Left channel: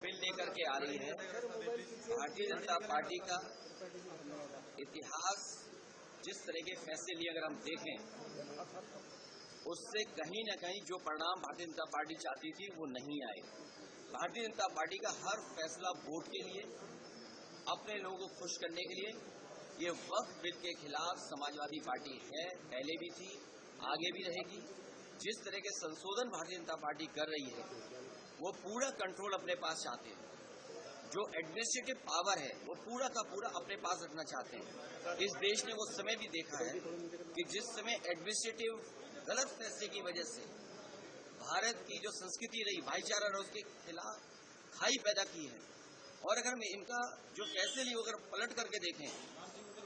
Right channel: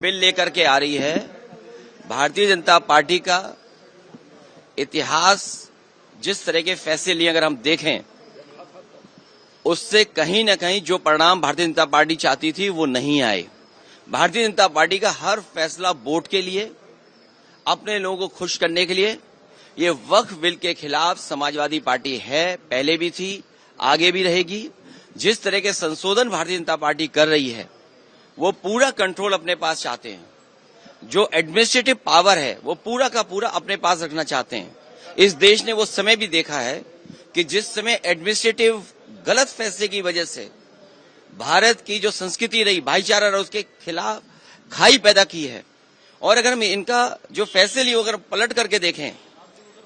Bill लेकर के आ रही है। भारतीय जनता पार्टी का इतिहास जिस तरह के फैसले लिए अगर हम देखें, उससे कहीं न कहीं जो परिणाम भारतीय जनता पार्टी चाहती थी वो नहीं आए। भारतीय जनता पार्टी का हर फैसला वोट के लिए, अपने लोगों को खुश करने के लिए। ये वक्फ बिल के खिलाफ समाजवादी पार्टी है, पहले भी थी, आगे भी रहेगी। जिस तरह के संशोधन भारतीय जनता पार्टी कर रही है, वो पूरा कंट्रोल अपने पास चाहते हैं। जो एडमिनिस्ट्रेटिव पावर है वो पूरा का पूरा अपने पास रखना चाहते हैं। इस देश ने वो समय भी देखा है कि जिस समय एडमिनिस्ट्रेटिव गलत फैसले की वजह से भारत की जो संस्कृति रही, भाईचारा रहा, उसके खिलाफ खाई पैदा की है। और अगर हम इनका जो फैसले लिए अगर पलट करके देखें,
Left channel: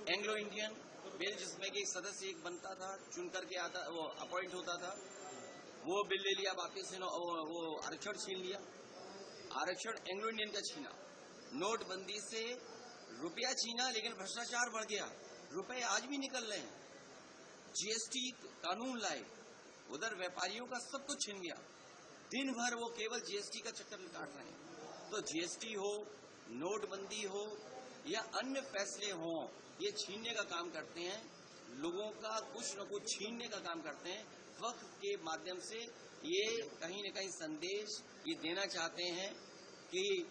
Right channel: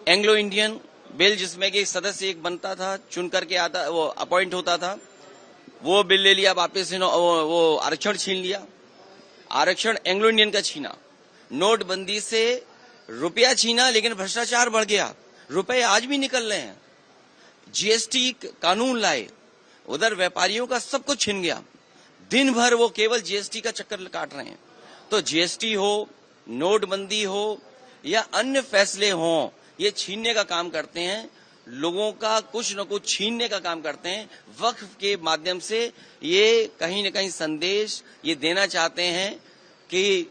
एंग्लो इंडियन बिल जिसमें कि सदस्य एक बनता था, चुन करके आता, वो अपॉइंट होता था, वो बिल ले लिया वापस, वो आरक्षण छीन लिया। आरक्षण एंग्लो इंडियन का छीना, नोटबंदी से रुपया छीना, लेकिन भ्रष्टाचार बढ़ गया, रुपए आज भी निकल रहे हैं। जीएसटी कानून लाए, उधर व्यापारियों का सब कुछ छीन गया। दिन भर वो केवल जीएसटी का चक्कर काट रहे हैं। तो जीएसटी हो, नोटबंदी हो या अन्य फैसले हों, ये छीनने का काम करते हैं, लोगों का कुछ न कुछ छीनने का काम करते हैं। वक्फ के माध्यम से ये कहीं न कहीं संदेश ये देना चाहते हैं कि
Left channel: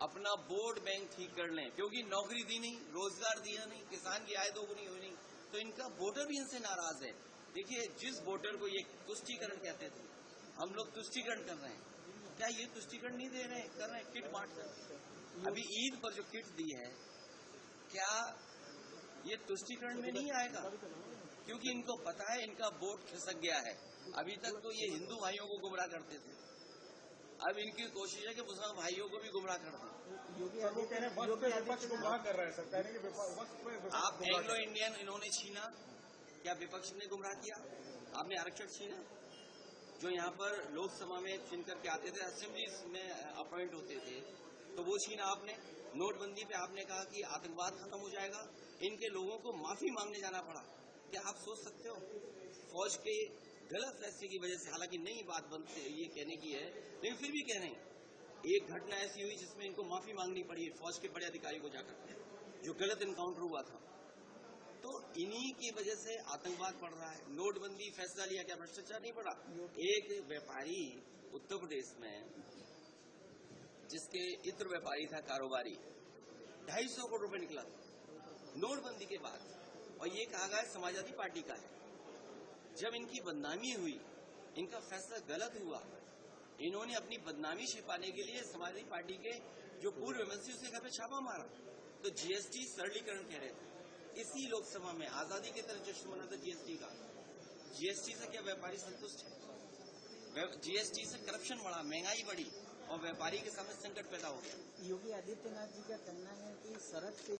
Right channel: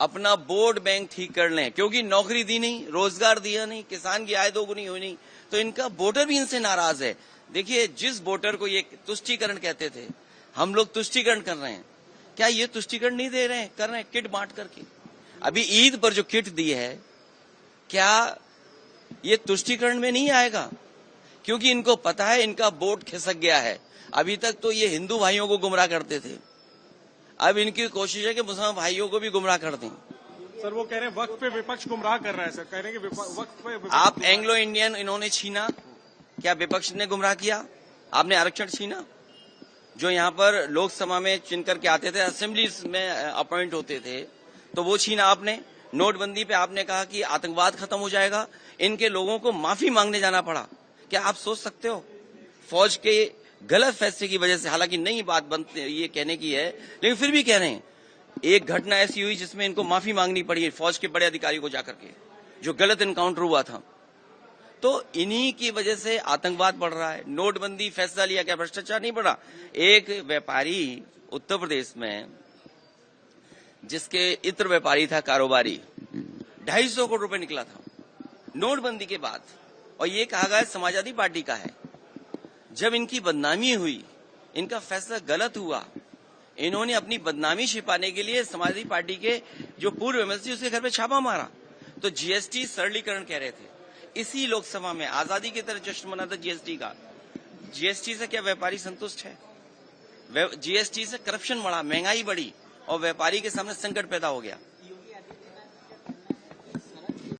अपना वोट बैंक ठीक कर लें, क्योंकि नौकरी दी नहीं, रोजगार दिया नहीं, किसान की आय दोगुनी हुई नहीं, तो इनका वोटर भी इनसे नाराज है। देखिए, जिस वोटर को ये तुष्टीकरण कहते थे, हम लोग तुष्टीकरण कर रहे हैं, क्या ये तुष्टीकरण नहीं दे रहे हैं? कर रहे हैं, किट बांट करके। अभी ईद पर जो किट दी है, क्या ये तुष्टीकरण में नहीं आएगा? क्योंकि इनको पता है इनका वोट खिसक गया है। अभी तक तो ये हिंदू भाइयों को गुमराह करते थे, अब इनकी कोशिश है कि मुसलमान भाइयों को भी गुमराह कर दें। सर, वो कह रहे हैं वक्फ पे विपक्ष गुमराह कर रहा है। सर कह रहे हैं कि वक्फ पे विपक्ष आप एंग्लो इंडियन इन्होंने छीना, क्या विपक्ष ने गुमराह किया? आपने आरक्षण छीना, जो यहाँ पर लोकसभा में चुन करके आते थे, असेंबली में अपॉइंट होते थे, तो वो छीना आपने। नोटबंदी पे आपने कहा कि आतंकवाद खत्म हो जाएगा, इनके लोगों को माफी मांगने जाना पड़ा। क्या आप सोच सकते हो? फौज के गलत फैसले की वजह से, हालांकि नई बात बनती ये कहने की है, लेकिन फिर भी कह रहे हैं, एक घटना ऐसी हुई जिसमें इनको माफी मांगनी पड़ी फौज के बड़े अधिकारी को जाकर के, जो गलत एनकाउंटर हुआ था। तो इन्हीं की वजह से आतंकवाद बढ़ रहा है। नोटबंदी फैसला लिया, क्या भ्रष्टाचार नहीं बढ़ा? एक व्यापारी उत्तर प्रदेश में, जिसके इत्र व्यापारी था, कारोबारी, 250 करोड़ रुपए निकला था नोटबंदी के बाद, और ये कहा गया समाजवादी पार्टी का है। जब इनकी बदनामी हुई, इनका फैसला गलत हुआ, इन्होंने अपनी बदनामी छिपाने के लिए समाजवादी पार्टी के जो पूर्व एमएलसी उसके घर पे छापा मारा। तो जीएसटी सरलीकरण कह रहे थे, इसी लोकसभा में आजादी की तरह जश्न मना था जीएसटी का। जीएसटी से क्या व्यापारी संतुष्ट है? जीएसटी से करप्शन बढ़ा, महंगाई बढ़ी और व्यापारी के सामने संकट पैदा हो गया।